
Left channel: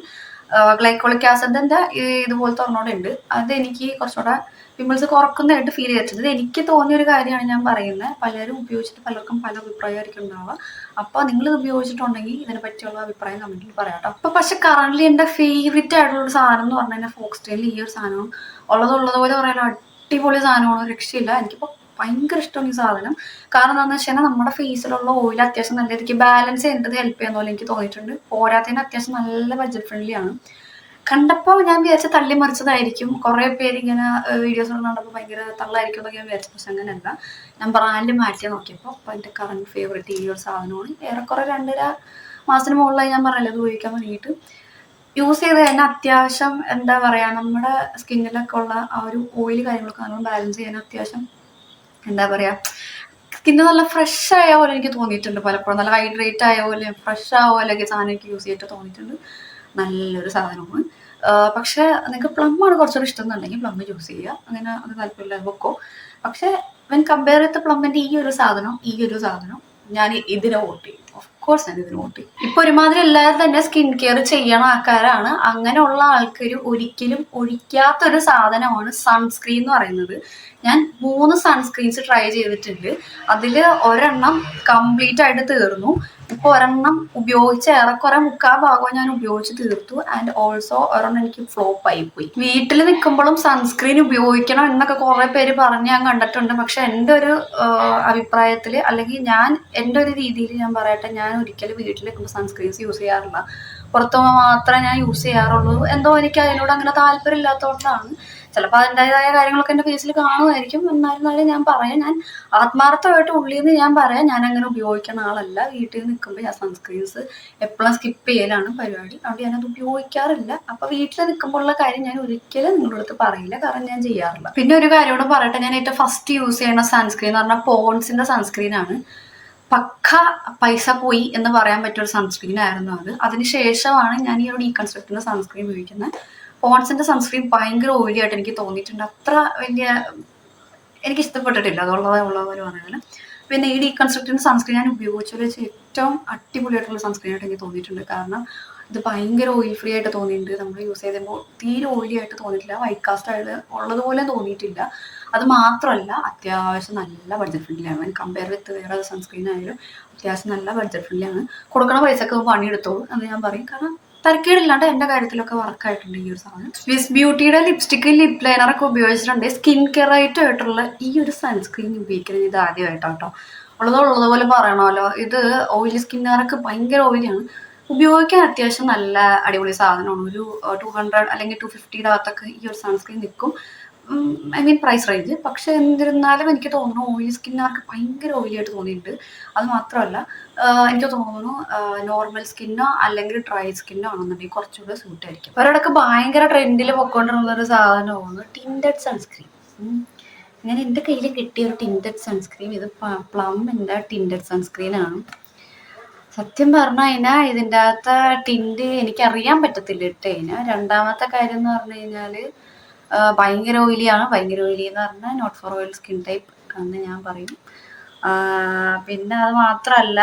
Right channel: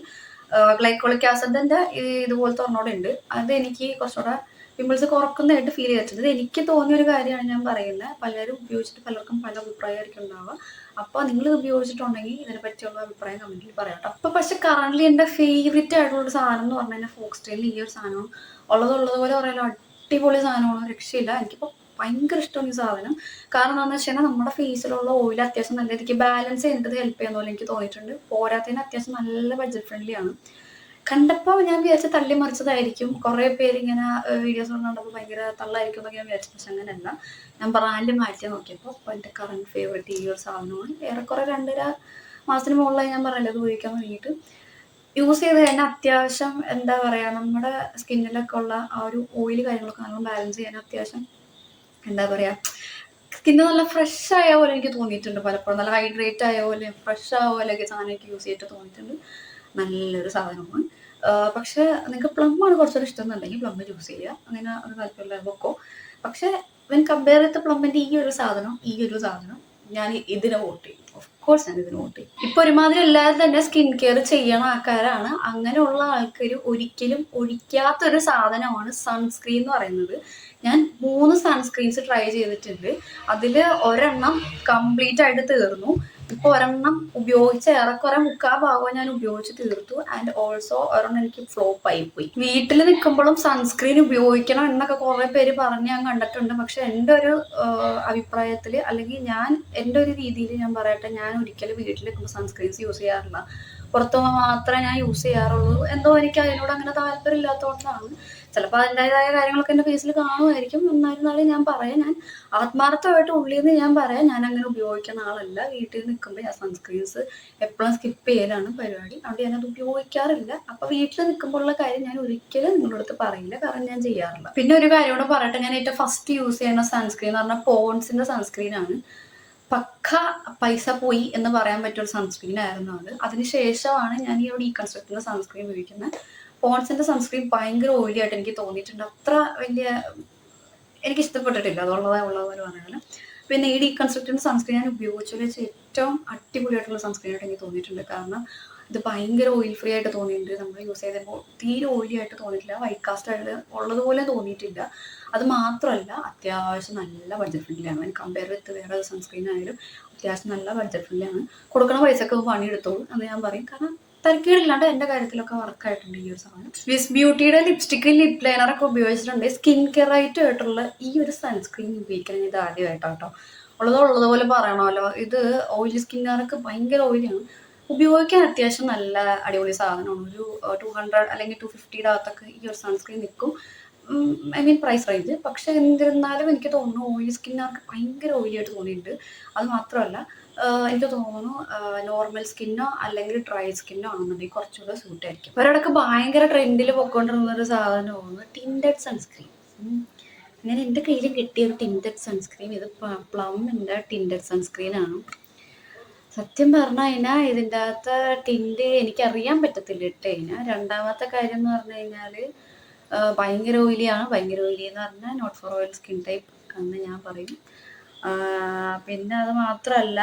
ഗ്ലൈക്കോളിക് ആസിഡിന്റെ ഇതുപോലത്തെ ഒരെണ്ണോടെ ഉണ്ട്. അത് എനിക്ക് കുറച്ചുകൂടെ പിമ്പിൾസ് കുറക്കുന്നതായിട്ട് ഫീൽ ചെയ്തിട്ടുണ്ട്. ഇത് എനിക്ക് തോന്നിയ ഒരു കാര്യമാണ് ഞാൻ പറയുന്നത്. പലരും ഉപയോഗിച്ചിട്ട് പലർക്കും പല അഭിപ്രായമായിരിക്കും ഉണ്ടാവുക. അപ്പൊ നിങ്ങൾ ഇത് ഉപയോഗിച്ചിട്ടുണ്ടെങ്കിൽ ഇതിനെ പറ്റിയുള്ള അഭിപ്രായം കമന്റിൽ പറയാം കേട്ടോ. അപ്പൊ പക്ഷെ കറന്റ്ലി എന്റെ ഫേവറേറ്റ് ആയിട്ടുള്ള ഒരു സാധനം എന്ന് പറഞ്ഞാൽ ഫോക്സ്ടെയിലിൽ ഈ ഒരു സാധനം ഉള്ളതുപോലെ പറയാനോ അടിപൊളി സാധനമാണ്, രക്ഷയില്ല. എനിക്കിപ്പോ ഭയങ്കര ഇഷ്ടമാണ് ഈ സാധനം. കാരണം എന്താണെന്ന് വെച്ച് കഴിഞ്ഞാൽ നമ്മുടെ ഫേസിലുള്ള ഓയിൽ അത്യാവശ്യം നല്ല രീതിക്ക് ബാലൻസ് ചെയ്യേണ്ടത് ഹെൽപ്പ് ചെയ്യുന്ന പോലെ എനിക്ക് തോന്നിയിട്ടുണ്ട്. പോരാത്തതിന് അത്യാവശ്യം നല്ല ബഡ്ജറ്റ് ഫ്രണ്ട്ലി ആണ്. കണ്ടപ്പോൾ ഞാൻ വിചാരിച്ച തള്ളി മറിച്ചതായിരിക്കും. കുറെ പേര് ഇങ്ങനെ വീഡിയോസ് കണ്ടപ്പോൾ ഭയങ്കര തള്ളായിരിക്കും എന്നൊക്കെ ഞാൻ വിചാരിച്ചു. പക്ഷെ അങ്ങനെയല്ല. ഞാൻ ബ്രാൻഡ് മാറ്റി നോക്കിയപ്പോൾ എൻ്റെ കറണ്ട് ഫേവറേറ്റ് ഈ ഒരു സാധനമാണ്. ഏറെക്കുറെ 2.5 മാസത്തിന് മുകളിലായി ഞാൻ പറഞ്ഞത് ഉപയോഗിക്കാൻ തുടങ്ങിയിട്ട്. യൂസ് ചെയ്ത് കഴിഞ്ഞാൽ അത്യാവശ്യം എന്താ പറയുക, നമ്മുടെ സ്കിന്നിലൊക്കെ ഉള്ള ആ ഒരു ഓയിൽ കാര്യങ്ങളൊക്കെ നമ്മൾ ബാലൻസ് ചെയ്യാൻ അത്യാവശ്യം എന്താ പറയുക, സ്കിന്ന് നല്ല ഫ്രഷ് ആയ പോലെ എനിക്ക് തോന്നിയിട്ടുണ്ട്. പലപ്പോഴും നല്ല ഹൈഡ്രേറ്റ് ആയ പോലെ ഫ്രഷ് ആയ പോലെയൊക്കെ സാധനം എനിക്ക് യൂസ് ചെയ്തിട്ട് തോന്നിയിട്ടുണ്ട്. നല്ലൊരു സാധനമാണ്. പക്ഷെ നിങ്ങൾക്ക് പ്ലമ്മാണ് കുറച്ചുകൂടി ഇഷ്ടം എന്നുണ്ടെങ്കിൽ പ്ലം യൂസ് ചെയ്യുക. അങ്ങനെ അത് താല്പര്യമില്ല വെക്കോ. പക്ഷെ വെൻ കമ്പയർ ചെയ്ത പ്ലമ്മിന്റെ ഈ ഒരു സാധനം ഞാൻ ഇതിനെ വോട്ട് ചെയ്യും. ഓഫ് കോഴ്സ് ഞാൻ ഇതിന് വോട്ട് ചെയ്യും. ഇപ്പൊ ഒരുമാതിരി എല്ലാവരും തന്നെ സ്കിൻ കെയർ ചെയ്യണ ആൾക്കാരാണ്. അങ്ങനെയുള്ള ആൾക്കാർ ഒരിക്കലും ഒഴിക്കാത്തൊരു സാധനമാണ് സൺസ്ക്രീൻ എന്ന് പറയുന്നത്. ഞാൻ 3 സൺസ്ക്രീൻസ് ട്രൈ ചെയ്തിട്ടുണ്ട്. അതിൽ ഒരെണ്ണം കംപ്ലീറ്റ് ആയിട്ട് തീർന്നു. ഇപ്പൊ ഒരെണ്ണം ഉപയോഗിച്ച് ഏറെക്കുറെ 3/4 ഭാഗവും ഞാൻ ഉപയോഗിച്ച് തീർത്തു. ആൻഡ് ഓൾസോ ഒരെണ്ണം എനിക്ക് ഫ്ലോപ്പ് ആയി പോയി. വീട്ടിൽ നിൽക്കുമ്പോഴും സൺസ്ക്രീൻ ഉപയോഗിക്കണം എന്നൊക്കെ കുറെ പേര് പറഞ്ഞ് ഞാൻ കണ്ടിട്ടുണ്ട്. പക്ഷെ എൻ്റെ ഒരു അഭിപ്രായത്തിൽ, അല്ലെങ്കിൽ എൻ്റെ ഒരു രീതിയിൽ ഞാൻ പറയട്ടെ, ഞാൻ ഒരിക്കലും വീട്ടിൽ നിൽക്കുമ്പോൾ സൺസ്ക്രീൻസ് യൂസ് ചെയ്യാറില്ല. പുറത്തു മാത്രമേ ഞാൻ യൂസ് ചെയ്യാറുള്ളൂ. എന്തോ എനിക്ക് അതിനോട് അങ്ങനെ താല്പര്യം ഇല്ലാത്തതുകൊണ്ടാണ്. ചിലപ്പോൾ അതിൻ്റെതായ കാര്യങ്ങളൊക്കെ എൻ്റെ ഫേസിൽ കാണുമായിരിക്കും. എന്നായിരുന്നാലും ഞാൻ പറയാം, ഞാൻ ആത്മാർത്ഥമായിട്ട് ഉള്ളിൽ നിന്ന് ഞാൻ പറയാം, ഞാൻ അങ്ങനെ ഉപയോഗിക്കുന്ന ആളല്ല. വീട്ടിൽ നിൽക്കുമ്പോൾ ഞാൻ സൺസ്ക്രീൻസ് എപ്പോഴും സ്കിപ്പ് ചെയ്യലാണ് പരിപാടി. അവിടെ ഞാനത് ഉപയോഗിക്കാറില്ല. അപ്പോൾ വീട്ടിൽ നിൽക്കുമ്പോൾ ഉള്ള കാര്യം ഞാൻ ഒരിക്കലും നിങ്ങളുടെ അടുത്ത് പറയില്ല, കാരണം ഞാൻ ചെയ്യാറില്ല. പിന്നെ ഒരു കാര്യം കൂടെ പറയട്ടെ, ഞാൻ ഏറ്റവും ഫസ്റ്റ് യൂസ് ചെയ്യുന്ന സൺസ്ക്രീൻ എന്ന് പറഞ്ഞാൽ പോൺസിന്റെ സൺസ്ക്രീനാണ്. പക്ക പൈസ പോയി എന്ന് പറയാൻ പറ്റിയൊരു സൺസ്ക്രീൻ ആയിരുന്നു അത്. അതിനുശേഷമാണ് ഞാൻ ഈ ഒരു ഡീകൺസ്ട്രക്റ്റിന്റെ സൺസ്ക്രീൻ ഉപയോഗിക്കുന്നത്. പോൺസിന്റെ സൺസ്ക്രീൻ ഭയങ്കര ഓയിലി ആയിട്ട് എനിക്ക് തോന്നിയിട്ടുണ്ട്. അത്ര വലിയ എനിക്ക് ഇഷ്ടപ്പെട്ടിട്ടില്ല, അതുള്ളതുപോലെ പറയുന്നത്. പിന്നെ ഈ ഡീകൺസ്ട്രക്റ്റിന്റെ സൺസ്ക്രീൻ ഞാൻ ഉപയോഗിച്ചതിൽ വെച്ച് ഏറ്റവും അടിപൊളിയായിട്ടുള്ള സൺസ്ക്രീൻ ആയിട്ട് എനിക്ക് തോന്നിയിട്ടുണ്ട്. കാരണം ഇത് ഭയങ്കര ഓയിൽ ഫ്രീ ആയിട്ട് തോന്നിയിട്ടുണ്ട്. നമ്മൾ യൂസ് ചെയ്തപ്പോൾ തീരെ ഓയിലി ആയിട്ട് തോന്നിയിട്ടില്ല, വൈറ്റ് കാസ്റ്റ് ആയിട്ട് ഉള്ളതുപോലെ തോന്നിയിട്ടില്ല. അത് മാത്രമല്ല, അത്യാവശ്യം നല്ല ബഡ്ജറ്റ് ഫ്രണ്ട്ലി ആണ്. കമ്പയർ വിത്ത് വേറെ സൺസ്ക്രീൻ ആയാലും അത്യാവശ്യം നല്ല ബഡ്ജറ്റ് ഫ്രണ്ട്ലി ആണ്. കൊടുക്കണ പൈസക്ക് പണിയെടുത്തോളൂ എന്ന് ഞാൻ പറയും. കാരണം തരക്കേടില്ലാണ്ട് എൻ്റെ കാര്യത്തിലൊക്കെ വർക്കായിട്ടുണ്ട് ഈ ഒരു സാധനം. സ്വിസ് ബ്യൂട്ടിയുടെ ലിപ്സ്റ്റിക്ക്, ലിപ് ലൈനർ ഒക്കെ ഉപയോഗിച്ചിട്ടുണ്ട്. സ്കിൻ കെയർ ആയിട്ടുള്ള ഈ ഒരു സൺസ്ക്രീൻ ഉപയോഗിക്കുന്നത് ഇത് ആദ്യമായിട്ടോ. ഉള്ളതുപോലെ പറയണമല്ലോ, ഇത് ഓയിലി സ്കിന്നുകാരൊക്കെ ഭയങ്കര ഓയിലിയാണ്. ഉപയോഗിക്കാൻ അത്യാവശ്യം നല്ല അടിപൊളി സാധനമാണ്. ഒരു 200 അല്ലെങ്കിൽ 250 അകത്തൊക്കെ ഈ ഒരു സൺസ്ക്രീൻ നിൽക്കും. I mean price range. പക്ഷെ എന്നിരുന്നാലും എനിക്ക് തോന്നുന്നു ഓയിലി സ്കിന്നുകാർക്ക് ഭയങ്കര ഓയിലി ആയിട്ട് തോന്നിയിട്ടുണ്ട്. അത് മാത്രമല്ല, എനിക്ക് തോന്നുന്നു നോർമൽ സ്കിന്നോ അല്ലെങ്കിൽ ഡ്രൈ സ്കിന്നോ ആണെന്നുണ്ടെങ്കിൽ കുറച്ചുകൂടെ സ്യൂട്ട് ആയിരിക്കും. ഒരിടക്ക് ഭയങ്കര ട്രെൻഡിൽ പൊയ്ക്കൊണ്ടിരുന്നൊരു സാധനമാണ് ടിൻറ്റഡ് സൺസ്ക്രീൻ. അങ്ങനെ എൻ്റെ കയ്യിൽ കിട്ടിയ ഒരു ടിൻറ്റഡ് സൺസ്ക്രീൻ, ഇത് പ്ലമ്മിൻ്റെ ടിൻറ്റഡ് സൺസ്ക്രീനാണ്. സത്യം പറഞ്ഞു കഴിഞ്ഞാൽ ഇതിൻ്റെ അകത്ത് ടിൻറ്റ് എനിക്കറിയാൻ പറ്റത്തില്ല ഇട്ട് കഴിഞ്ഞാൽ. രണ്ടാമത്തെ കാര്യം എന്ന് പറഞ്ഞു കഴിഞ്ഞാൽ ഭയങ്കര ഓയിലിയാണ്. ഭയങ്കര ഓയിലി എന്ന് പറഞ്ഞാൽ not for oil skin type എന്ന് ഞാൻ പറയും. പിന്നെ അത് മാത്രമല്ല,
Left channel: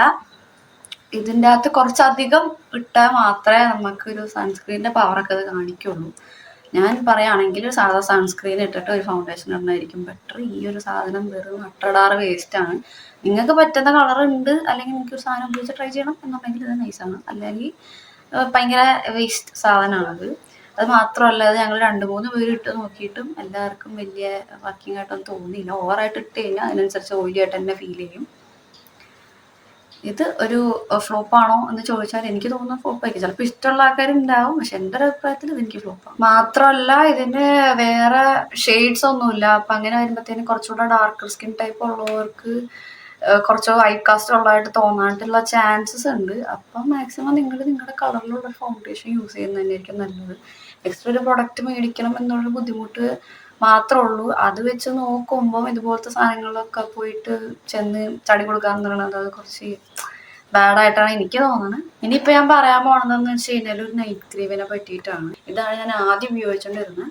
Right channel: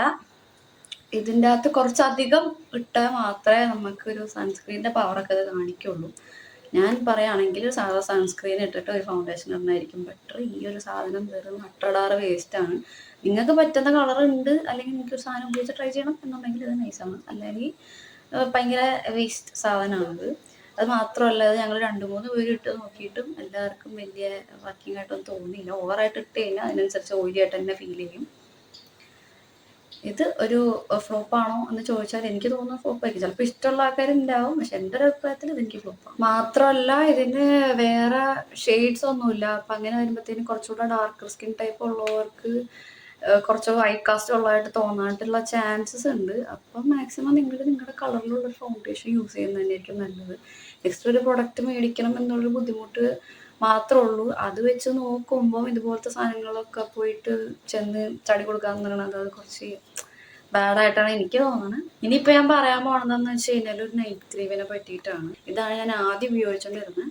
ഇതിൻ്റെ അകത്ത് കുറച്ചധികം ഇട്ടാൽ മാത്രമേ നമുക്കൊരു സൺസ്ക്രീനിൻ്റെ പവറൊക്കെ അത് കാണിക്കുള്ളൂ. ഞാൻ പറയുകയാണെങ്കിൽ സാധാ സൺസ്ക്രീൻ ഇട്ടിട്ട് ഒരു ഫൗണ്ടേഷൻ ഇടുന്നതായിരിക്കും ബെറ്റർ. ഈ ഒരു സാധനം വെറും അട്ടടാറ് വേസ്റ്റാണ്. നിങ്ങൾക്ക് പറ്റുന്ന കളർ ഉണ്ട്, അല്ലെങ്കിൽ നിങ്ങൾക്ക് ഒരു സാധനം ഉപയോഗിച്ച് ട്രൈ ചെയ്യണം എന്നുണ്ടെങ്കിൽ ഇത് നൈസാണ്. അല്ലെങ്കിൽ ഭയങ്കര വേസ്റ്റ് സാധനമാണത്. അത് മാത്രമല്ല, അത് ഞങ്ങൾ 2-3 പേര് ഇട്ട് നോക്കിയിട്ടും എല്ലാവർക്കും വലിയ വർക്കിംഗ് ആയിട്ടൊന്നും തോന്നിയില്ല. ഓവറായിട്ട് ഇട്ട് കഴിഞ്ഞാൽ അതിനനുസരിച്ച് ഓയിലി ആയിട്ട് തന്നെ ഫീൽ ചെയ്യും. ഇത് ഒരു ഫ്ലോപ്പാണോ എന്ന് ചോദിച്ചാൽ എനിക്ക് തോന്നുന്നു ഫ്ലോപ്പായിരിക്കും. ചിലപ്പോൾ ഇഷ്ടമുള്ള ആൾക്കാരുണ്ടാവും, പക്ഷെ എൻ്റെ ഒരു അഭിപ്രായത്തിൽ ഇത് എനിക്ക് ഫ്ലോപ്പാണ്. മാത്രമല്ല, ഇതിന് വേറെ ഷെയ്ഡ്സ് ഒന്നുമില്ല. അപ്പം അങ്ങനെ വരുമ്പോഴത്തേനും കുറച്ചുകൂടെ ഡാർക്കർ സ്കിൻ ടൈപ്പ് ഉള്ളവർക്ക് കുറച്ച് വൈറ്റ് കാസ്റ്റ് ഉള്ളതായിട്ട് തോന്നാനായിട്ടുള്ള ചാൻസസ് ഉണ്ട്. അപ്പം മാക്സിമം നിങ്ങൾ നിങ്ങളുടെ കളറിലുള്ള ഫൗണ്ടേഷൻ യൂസ് ചെയ്യുന്നത് തന്നെയായിരിക്കും നല്ലത്. എക്സ്ട്രാ ഒരു പ്രൊഡക്റ്റ് മേടിക്കണം എന്നുള്ളൊരു ബുദ്ധിമുട്ട് മാത്രമേ ഉള്ളൂ. അത് വെച്ച് നോക്കുമ്പോൾ ഇതുപോലത്തെ സാധനങ്ങളൊക്കെ പോയിട്ട് ചെന്ന് ചടി കൊടുക്കാന്ന് പറയുന്നത് അത് കുറച്ച് ബാഡായിട്ടാണ് എനിക്ക് തോന്നുന്നത്. ഇനിയിപ്പോൾ ഞാൻ പറയാൻ പോകണമെന്ന് വെച്ച് കഴിഞ്ഞാൽ ഒരു നൈറ്റ് ക്രീമിനെ പറ്റിയിട്ടാണ്. ഇതാണ് ഞാൻ ആദ്യം ഉപയോഗിച്ചുകൊണ്ടിരുന്നത്.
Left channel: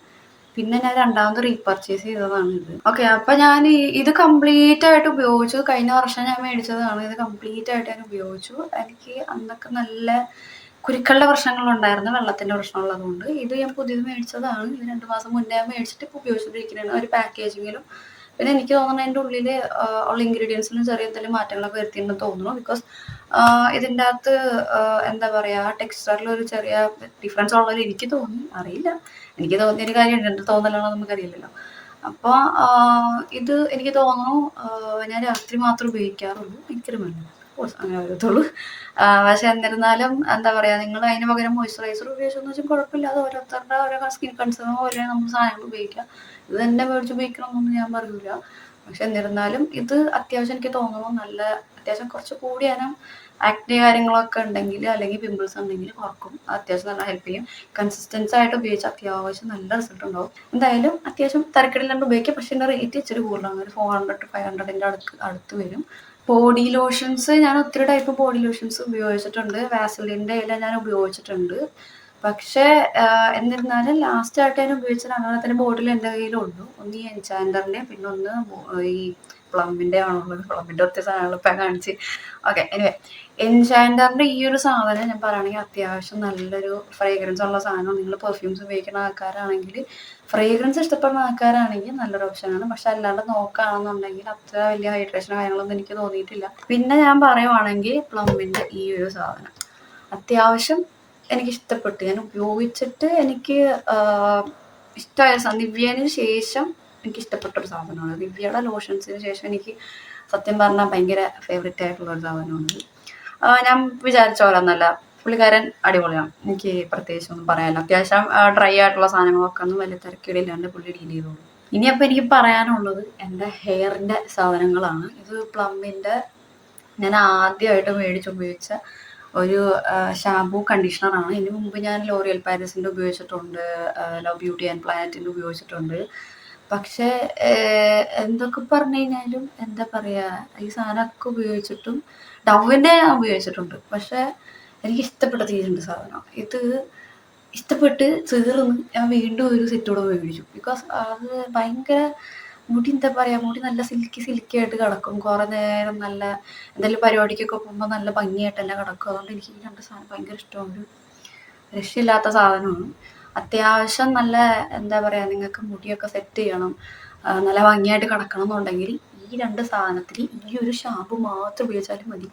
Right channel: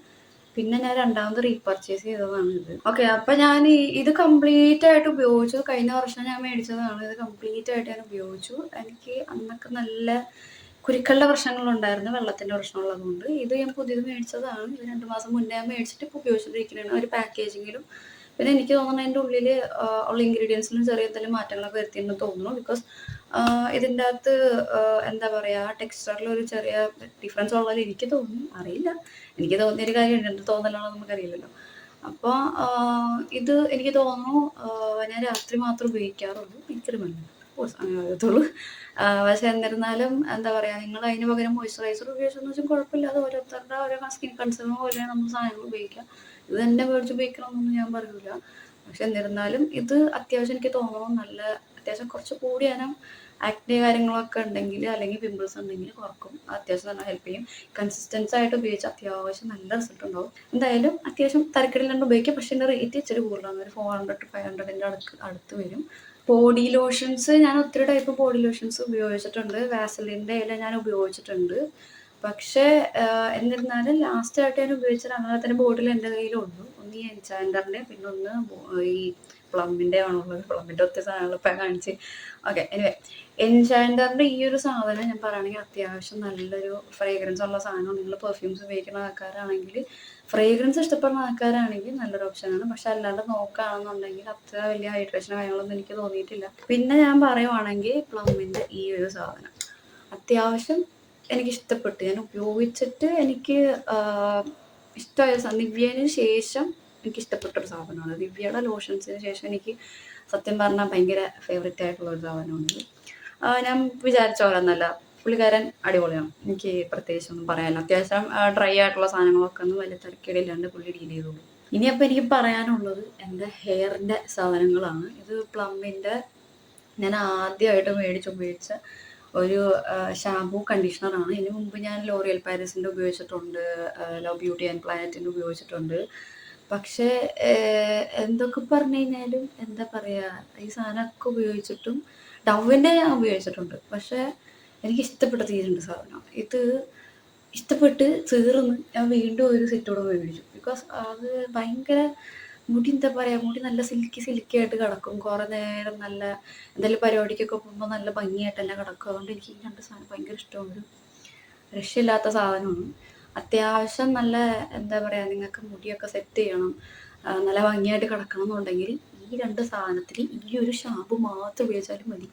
പിന്നെ ഞാൻ രണ്ടാമത് റീപർച്ചേസ് ചെയ്തതാണ് ഇത്. ഓക്കെ, അപ്പം ഞാൻ ഇത് കംപ്ലീറ്റ് ആയിട്ട് ഉപയോഗിച്ചു. കഴിഞ്ഞ വർഷം ഞാൻ മേടിച്ചതാണ്. ഇത് കംപ്ലീറ്റ് ആയിട്ട് ഞാൻ ഉപയോഗിച്ചു. എനിക്ക് അന്നൊക്കെ നല്ല കുരുക്കളുടെ പ്രശ്നങ്ങളുണ്ടായിരുന്നു, വെള്ളത്തിൻ്റെ പ്രശ്നമുള്ളതുകൊണ്ട്. ഇത് ഞാൻ പുതിയത് മേടിച്ചതാണ്. ഇത് 2 മാസം മുന്നേ ഞാൻ മേടിച്ചിട്ട് ഇപ്പോൾ ഉപയോഗിച്ചുകൊണ്ടിരിക്കുന്നതാണ്. ഒരു പാക്കേജിങ്ങിലും പിന്നെ എനിക്ക് തോന്നുന്നത് എൻ്റെ ഉള്ളിൽ ഉള്ള ഇൻഗ്രീഡിയൻസിലും ചെറിയ എന്തെങ്കിലും മാറ്റങ്ങളൊക്കെ വരുത്തിയിട്ടുണ്ടെന്ന് തോന്നുന്നു. ബിക്കോസ് ഇതിൻ്റെ അകത്ത് എന്താ പറയുക, ടെക്സ്ചറിലൊരു ചെറിയ ഡിഫറൻസ് ഉള്ളതിൽ എനിക്ക് തോന്നി. അറിയില്ല, എനിക്ക് തോന്നിയൊരു കാര്യമുണ്ട്, എൻ്റെ തോന്നലാണോ നമുക്കറിയില്ലല്ലോ. അപ്പോൾ ഇത് എനിക്ക് തോന്നുന്നു ഞാൻ രാത്രി മാത്രം ഉപയോഗിക്കാറുള്ളൂ. എനിക്കൊരു മരുന്ന് അങ്ങനെ അറിയത്തുള്ളൂ. പക്ഷെ എന്നിരുന്നാലും എന്താ പറയുക, നിങ്ങൾ അതിന് പകരം മോയ്സ്ചറൈസർ ഉപയോഗിച്ചെന്ന് വെച്ചാൽ കുഴപ്പമില്ല. അത് ഓരോരുത്തരുടെ ഓരോ സ്കിൻ കൺസേൺ പോലെയാണ് നമ്മൾ സാധനങ്ങൾ ഉപയോഗിക്കുക. ഇത് തന്നെ മേടിച്ച് ഉപയോഗിക്കണമെന്നൊന്നും ഞാൻ പറയൂല. പക്ഷെ എന്നിരുന്നാലും ഇത് അത്യാവശ്യം എനിക്ക് തോന്നുന്നു നല്ല അത്യാവശ്യം കുറച്ച് കൂടിയാലും ആക്നെ കാര്യങ്ങളൊക്കെ ഉണ്ടെങ്കിൽ അല്ലെങ്കിൽ പിമ്പിൾസ് ഉണ്ടെങ്കിൽ കുറക്കും. അത്യാവശ്യം നല്ല ഹെൽപ്പ് ചെയ്യും. കൺസിസ്റ്റൻസി ആയിട്ട് ഉപയോഗിച്ച് അത്യാവശ്യം നല്ല റിസൾട്ട് ഉണ്ടാവും. എന്തായാലും അത്യാവശ്യം തിരക്കിടില്ലാണ്ട് ഉപയോഗിക്കുക. പക്ഷെ എൻ്റെ റേറ്റ് ഇച്ചിരി കൂടുതലാണ്. ഒരു 400 to 500 അടുത്ത് വരും. ബോഡി ലോഷൻസ് ഞാൻ ഒത്തിരി ടൈപ്പ് ബോഡി ലോഷൻസ് ഉപയോഗിച്ചിട്ടുണ്ട്. വാസലിൻ്റെ ഞാൻ ഉപയോഗിച്ചിട്ടുണ്ട്. പക്ഷേ എന്നിരുന്നാലും ലാസ്റ്റായിട്ട് ഞാൻ ഉപയോഗിച്ചത് അങ്ങനത്തെ ബോട്ടിൽ എൻ്റെ കയ്യിലുള്ളൂ. ഒന്ന് ഈ എൻചാൻഡറിൻ്റെ, പിന്നെ ഒന്ന് ഈ പ്ലമ്മിൻ്റെ ആണുള്ളത്. പ്ലമ്മിൻ്റെ ഒത്തിരി സാധനങ്ങൾ ഇപ്പം കാണിച്ച്. ഓക്കെ, എനിവേ എൻചാൻഡറിൻ്റെ ഈ ഒരു സാധനം ഞാൻ പറയുകയാണെങ്കിൽ അത്യാവശ്യം നല്ലൊരു ഫ്രേഗ്രൻസ് ഉള്ള സാധനം. നിങ്ങൾ പെർഫ്യൂംസ് ഉപയോഗിക്കുന്ന ആൾക്കാരാണെങ്കിൽ, ഫ്രേഗ്രൻസ് ഇഷ്ടപ്പെടുന്ന ആൾക്കാരാണെങ്കിൽ നല്ലൊരു ഓപ്ഷനാണ്. പക്ഷെ അല്ലാണ്ട് നോക്കുകയാണെന്നുണ്ടെങ്കിൽ അത്ര വലിയ ഹൈഡ്രേഷൻ കാര്യങ്ങളൊന്നും എനിക്ക് തോന്നിയിട്ടില്ല. പിന്നെ ഞാൻ പറയുവാണെങ്കിൽ പ്ലമ്മിൻ്റെ ഈ ഒരു സാധനം അത്യാവശ്യം എനിക്ക് ഇഷ്ടപ്പെട്ടു. ഞാൻ ഉപയോഗിച്ചിട്ട് എനിക്ക് ഇഷ്ടമായ നിവ്യേന് ശേഷം എനിക്ക് ഇഷ്ടപ്പെട്ടൊരു സാധനമാണ്. നിവ്യയുടെ ലോഷൻസിന് ശേഷം എനിക്ക് സത്യം പറഞ്ഞാൽ ഭയങ്കര ഫേവറേറ്റ് ആയിട്ടുള്ള ഒരു സാധനമാണ്. ഞാൻ വിചാരിച്ച പോലെ ഒന്നല്ല, പുള്ളിക്കാരൻ അടിപൊളിയാണ്. എനിക്ക് പ്രത്യേകിച്ചൊന്നും പറയാനില്ല. അത്യാവശ്യം ഡ്രൈ ആയിട്ടുള്ള സാധനങ്ങളൊക്കെ ഒന്നും വലിയ തിരക്കേടില്ലാണ്ട് പുള്ളി ഡീൽ ചെയ്തോളൂ. ഇനി അപ്പോൾ എനിക്ക് പറയാനുള്ളത് എൻ്റെ ഹെയറിൻ്റെ സാധനങ്ങളാണ്. ഇത് പ്ലമ്മിൻ്റെ ഞാൻ ആദ്യമായിട്ട് മേടിച്ചുപയോഗിച്ച ഒരു ഷാമ്പൂ കണ്ടീഷണറാണ്. ഇതിന് മുമ്പ് ഞാൻ ലോറിയൽ പാരീസിൻ്റെ ഉപയോഗിച്ചിട്ടുണ്ട്, ലവ് ബ്യൂട്ടി ആൻഡ് പ്ലാനറ്റിൻ്റെ ഉപയോഗിച്ചിട്ടുണ്ട്. പക്ഷേ എന്തൊക്കെ പറഞ്ഞു കഴിഞ്ഞാലും എന്താ പറയുക, ഈ സാധനമൊക്കെ ഉപയോഗിച്ചിട്ടും ഡവിൻ്റെ ഞാൻ ഉപയോഗിച്ചിട്ടുണ്ട്. പക്ഷേ എനിക്ക് ഇഷ്ടപ്പെട്ട തീരുണ്ട് സാധനം. ഇത് ഇഷ്ടപ്പെട്ട് ചേർന്ന് ഞാൻ വീണ്ടും ഒരു സെറ്റൂടെ മേടിച്ചു. ബിക്കോസ് അത് ഭയങ്കര മുടി എന്താ പറയുക, മുടി നല്ല സിൽക്കി ആയിട്ട് കിടക്കും. കുറേ നേരം നല്ല എന്തെങ്കിലും പരിപാടിക്കൊക്കെ പോകുമ്പോൾ നല്ല ഭംഗിയായിട്ടെല്ലാം കിടക്കും. അതുകൊണ്ട് എനിക്ക് ഈ രണ്ട് സാധനം ഭയങ്കര ഇഷ്ടമാണ്. ഒരു രക്ഷയില്ലാത്ത സാധനമാണ്. അത്യാവശ്യം നല്ല എന്താ പറയുക, നിങ്ങൾക്ക് മുടിയൊക്കെ സെറ്റ് ചെയ്യണം, നല്ല ഭംഗിയായിട്ട് കിടക്കണം എന്നുണ്ടെങ്കിൽ ഈ രണ്ട് സാധനത്തിൽ ഈ ഒരു ഷാമ്പു മാത്രം ഉപയോഗിച്ചാലും മതി.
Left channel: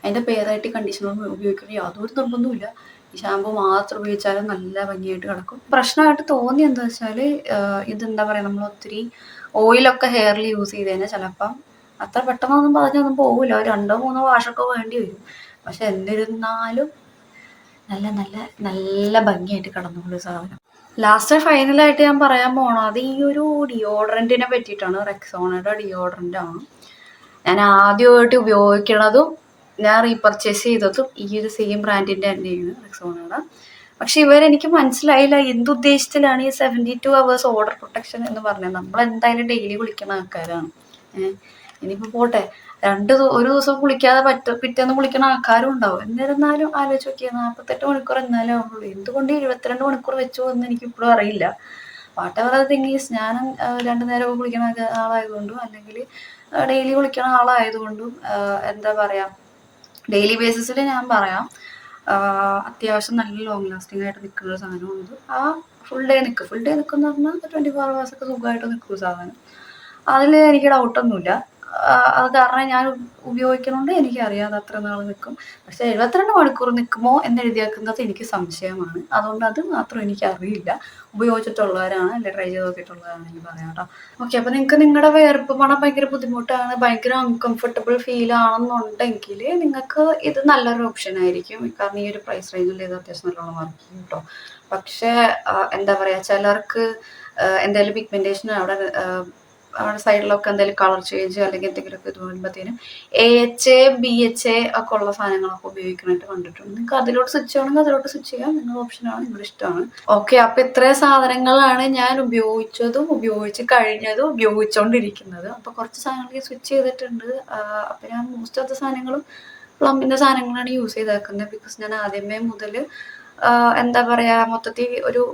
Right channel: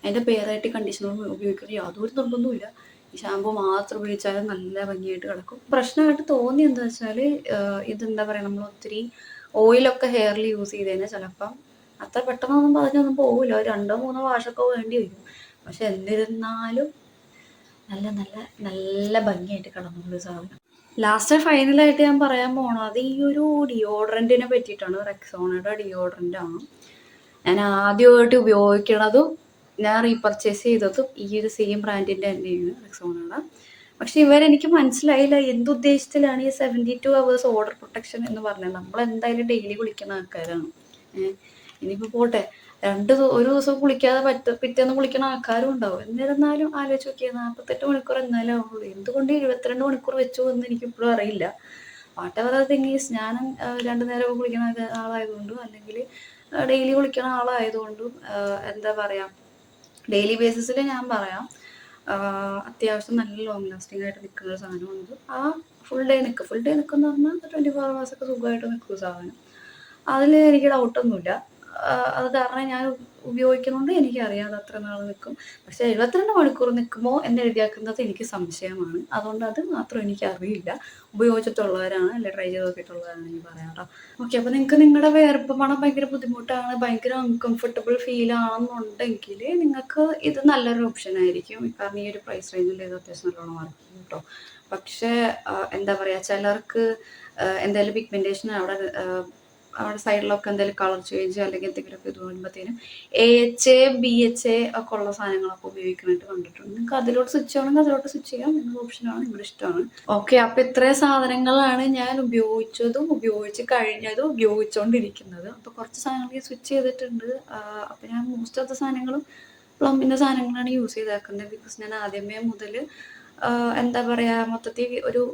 അതിൻ്റെ പേരായിട്ട് കണ്ടീഷണർ ഉപയോഗിക്കുന്ന യാതൊരു നിർബന്ധവുമില്ല. ഈ ഷാമ്പു മാത്രം ഉപയോഗിച്ചാലും നല്ല ഭംഗിയായിട്ട് കിടക്കും. പ്രശ്നമായിട്ട് തോന്നി എന്താ വെച്ചാൽ, ഇതെന്താ പറയുക, നമ്മൾ ഒത്തിരി ഓയിലൊക്കെ ഹെയറിൽ യൂസ് ചെയ്ത് കഴിഞ്ഞാൽ ചിലപ്പം അത്ര പെട്ടെന്നൊന്നും പറഞ്ഞൊന്നും പോകില്ല. 2-3 വാഷൊക്കെ വേണ്ടി വരും. പക്ഷെ എന്നിരുന്നാലും നല്ല നല്ല നല്ല ഭംഗിയായിട്ട് കിടന്നുള്ള സാധനം. ലാസ്റ്റ് ഫൈനലായിട്ട് ഞാൻ പറയാൻ പോണത് ഈ ഒരു ഡിയോഡ്രൻറ്റിനെ പറ്റിയിട്ടാണ്. റെക്സോണയുടെ ഡിയോഡ്രൻ്റാണ് ഞാൻ ആദ്യമായിട്ട് ഉപയോഗിക്കണതും ഞാൻ റീപർച്ചേസ് ചെയ്തതും ഈ ഒരു സെയിം ബ്രാൻഡിൻ്റെ തന്നെയാണ്, റെക്സോണയുടെ. പക്ഷെ ഇവരെനിക്ക് മനസ്സിലായില്ല എന്തുദ്ദേശത്തിലാണ് ഈ 72 hours ഓർഡർ പ്രൊട്ടക്ഷൻ എന്ന് പറഞ്ഞത്. നമ്മൾ എന്തായാലും ഡെയിലി കുളിക്കുന്ന ആൾക്കാരാണ്. ഇനിയിപ്പോൾ പോട്ടെ, ഒരു ദിവസം കുളിക്കാതെ പിറ്റേന്ന് കുളിക്കുന്ന ആൾക്കാരും ഉണ്ടാവും. എന്നിരുന്നാലും ആലോചിച്ച് നോക്കിയാൽ 48 മണിക്കൂർ എന്നാലും ആവുള്ളൂ. എന്തുകൊണ്ട് 72 മണിക്കൂർ വെച്ചു എന്ന് എനിക്കിപ്പോഴും അറിയില്ല. What ever the thing is, ഞാൻ 2 നേരം കുളിക്കുന്ന ആളായതുകൊണ്ടും അല്ലെങ്കിൽ ഡെയിലി കുളിക്കുന്ന ആളായതുകൊണ്ടും എന്താ പറയുക, ഡെയിലി ബേസിസിൽ ഞാൻ പറയാം അത്യാവശ്യം നല്ല ലോങ് ലാസ്റ്റിംഗ് ആയിട്ട് നിൽക്കുന്ന സാധനമാണിത്. ഫുൾ ഡേ നിൽക്കുമെന്ന് പറഞ്ഞാൽ 24 hours ഒക്കെ സുഖമായിട്ട് നിൽക്കും സാധനം. അതിൽ എനിക്ക് ഡൗട്ടൊന്നുമില്ല. അത് കാരണം ഞാൻ ഉപയോഗിക്കുന്നതുകൊണ്ട് എനിക്കറിയാം അത് അത്ര നാൾ നിൽക്കും. പക്ഷെ 72 മണിക്കൂർ നിൽക്കുമോ എന്ന് എഴുതിയേക്കുന്നത് എനിക്ക് സംശയമാണ്. അതുകൊണ്ട് അത് മാത്രം എനിക്കറിയില്ല. ഉപയോഗിച്ചിട്ടുള്ളവരാണ് അല്ലെ ട്രൈ ചെയ്ത് നോക്കിയിട്ടുള്ളവരാണെങ്കിൽ പറയാം കേട്ടോ. ഓക്കെ, അപ്പോൾ നിങ്ങൾക്ക് നിങ്ങളുടെ വിയർപ്പ് മണം ഭയങ്കര ബുദ്ധിമുട്ടാണ്, ഭയങ്കര അൺകംഫർട്ടബിൾ ഫീൽ ആണെന്നുണ്ടെങ്കിൽ നിങ്ങൾക്ക് ഇത് നല്ലൊരു ഓപ്ഷൻ ആയിരിക്കും. കാരണം ഈ ഒരു പ്രൈസ് റേഞ്ചിൽ ഇത് അത്യാവശ്യം നല്ലോണം വർക്ക് ചെയ്യും കേട്ടോ. പക്ഷേ എന്താ പറയുക, ചിലർക്ക് എന്തായാലും പിഗ്മെൻറ്റേഷൻ അവിടെ സൈഡിലൊക്കെ എന്തെങ്കിലും കളർ ചേഞ്ച് അല്ലെങ്കിൽ എന്തെങ്കിലുമൊക്കെ ഇത് വരുമ്പോഴത്തേനും AHA BHA ഒക്കെ ഉള്ള സാധനങ്ങളൊക്കെ ഉപയോഗിക്കാനായിട്ട് കണ്ടിട്ടുണ്ട്. നിങ്ങൾക്ക് അതിലോട്ട് സ്വിച്ച് ചെയ്യണമെങ്കിൽ അതിലോട്ട് സ്വിച്ച് ചെയ്യാം. നിങ്ങളുടെ ഓപ്ഷനാണ്, നിങ്ങളുടെ ഇഷ്ടമാണ്. ഓക്കെ, അപ്പോൾ ഇത്രയും സാധനങ്ങളാണ് ഞാൻ ഉപയോഗിച്ചതും ഉപയോഗിച്ച് കഴിഞ്ഞതും ഉപയോഗിച്ചുകൊണ്ടിരിക്കുന്നത്. അപ്പോൾ കുറച്ച് സാധനങ്ങൾ സ്വിച്ച് ചെയ്തിട്ടുണ്ട്. അപ്പോൾ ഞാൻ മോസ്റ്റ് ഓഫ് ദ സാധനങ്ങളും പ്ലമ്മിൻ്റെ സാധനങ്ങളാണ് യൂസ് ചെയ്തേക്കുന്നത്. ബിക്കോസ് ഞാൻ ആദ്യമേ മുതൽ എന്താ പറയുക, മൊത്തത്തിൽ ഒരു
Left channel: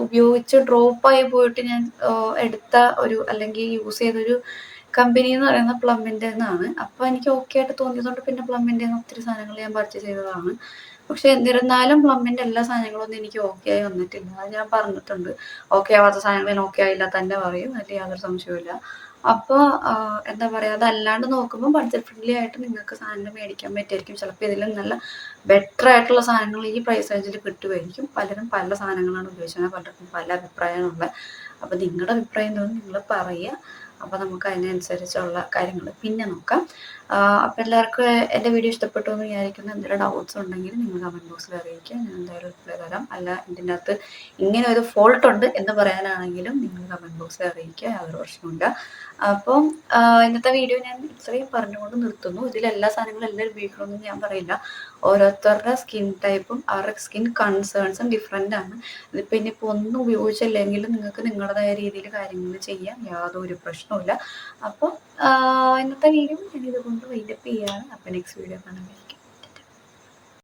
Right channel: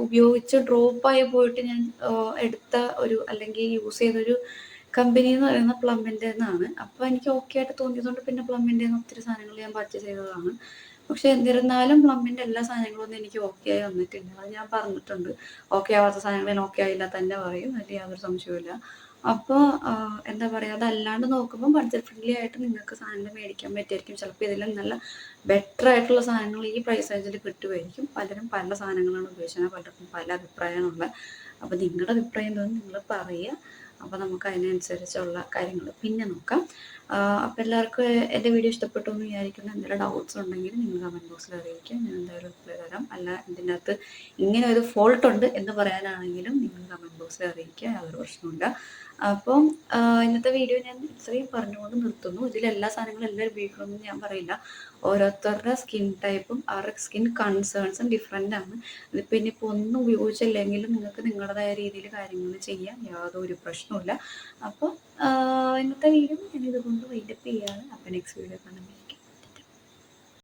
ഉപയോഗിച്ച് ഡ്രോപ്പായി പോയിട്ട് ഞാൻ എടുത്ത ഒരു അല്ലെങ്കിൽ യൂസ് ചെയ്തൊരു കമ്പനി എന്ന് പറയുന്ന പ്ലമ്മിൻ്റെ നിന്നാണ്. അപ്പോൾ എനിക്ക് ഓക്കെ ആയിട്ട് തോന്നിയതുകൊണ്ട് പിന്നെ പ്ലമ്മിൻ്റെ ഒത്തിരി സാധനങ്ങൾ ഞാൻ പർച്ചേസ് ചെയ്തതാണ്. പക്ഷെ എന്നിരുന്നാലും പ്ലമ്മിൻ്റെ എല്ലാ സാധനങ്ങളൊന്നും എനിക്ക് ഓക്കെ ആയി വന്നിട്ടില്ല. അത് ഞാൻ പറഞ്ഞിട്ടുണ്ട്. ഓക്കെ ആവാത്ത സാധനങ്ങൾ ഞാൻ ഓക്കെ ആയില്ല തന്നെ പറയും, അതിൽ യാതൊരു സംശയമില്ല. അപ്പോൾ എന്താ പറയുക, അതല്ലാണ്ട് നോക്കുമ്പോൾ ബഡ്ജറ്റ് ഫ്രണ്ട്ലി ആയിട്ട് നിങ്ങൾക്ക് സാധനം മേടിക്കാൻ പറ്റുമായിരിക്കും. ചിലപ്പോൾ ഇതിലും നല്ല ബെറ്റർ ആയിട്ടുള്ള സാധനങ്ങൾ ഈ പ്രൈസ് റേഞ്ചിൽ കിട്ടുമായിരിക്കും. പലരും പല സാധനങ്ങളാണ് ഉപയോഗിച്ചത്, പലർക്കും പല അഭിപ്രായങ്ങളുണ്ട്. അപ്പോൾ നിങ്ങളുടെ അഭിപ്രായം തോന്നി നിങ്ങൾ പറയുക. അപ്പോൾ നമുക്ക് അതിനനുസരിച്ചുള്ള കാര്യങ്ങൾ പിന്നെ നോക്കാം. അപ്പോൾ എല്ലാവർക്കും എൻ്റെ വീഡിയോ ഇഷ്ടപ്പെട്ടു എന്ന് വിചാരിക്കുന്നു. എന്തെങ്കിലും ഡൗട്ട്സ് ഉണ്ടെങ്കിൽ നിങ്ങൾ കമൻറ്റ് ബോക്സിൽ അറിയിക്കുക, ഞാൻ എന്തായാലും റിപ്ലൈ തരാം. അല്ല ഇതിൻ്റെ അകത്ത് ഇങ്ങനെ ഒരു ഫോൾട്ട് ഉണ്ട് എന്ന് പറയാനാണെങ്കിലും നിങ്ങൾ കമൻറ്റ് ബോക്സിൽ അറിയിക്കുക, യാതൊരു പ്രശ്നമില്ല. അപ്പം ഇന്നത്തെ വീഡിയോ ഞാൻ ഇത്രയും പറഞ്ഞുകൊണ്ട് നിർത്തുന്നു. ഇതിലെല്ലാ സാധനങ്ങളും എല്ലാവരും ഉപയോഗിക്കണമെന്ന് ഞാൻ പറയില്ല. ഓരോരുത്തരുടെ സ്കിൻ ടൈപ്പും അവരുടെ സ്കിൻ കൺസേൺസും ഡിഫറെൻ്റ് ആണ്. ഇതിപ്പോൾ ഇനിയിപ്പോൾ ഒന്നും ഉപയോഗിച്ചില്ലെങ്കിലും നിങ്ങൾക്ക് നിങ്ങളുടേതായ രീതിയിൽ കാര്യങ്ങൾ ചെയ്യാം, യാതൊരു പ്രശ്നവുമില്ല. അപ്പോൾ ഇന്നത്തെ വീഡിയോ ഞാൻ ഇതുകൊണ്ട് വൈൻഡപ്പ് ചെയ്യാണ്. അപ്പോൾ നെക്സ്റ്റ് വീഡിയോ കാണാൻ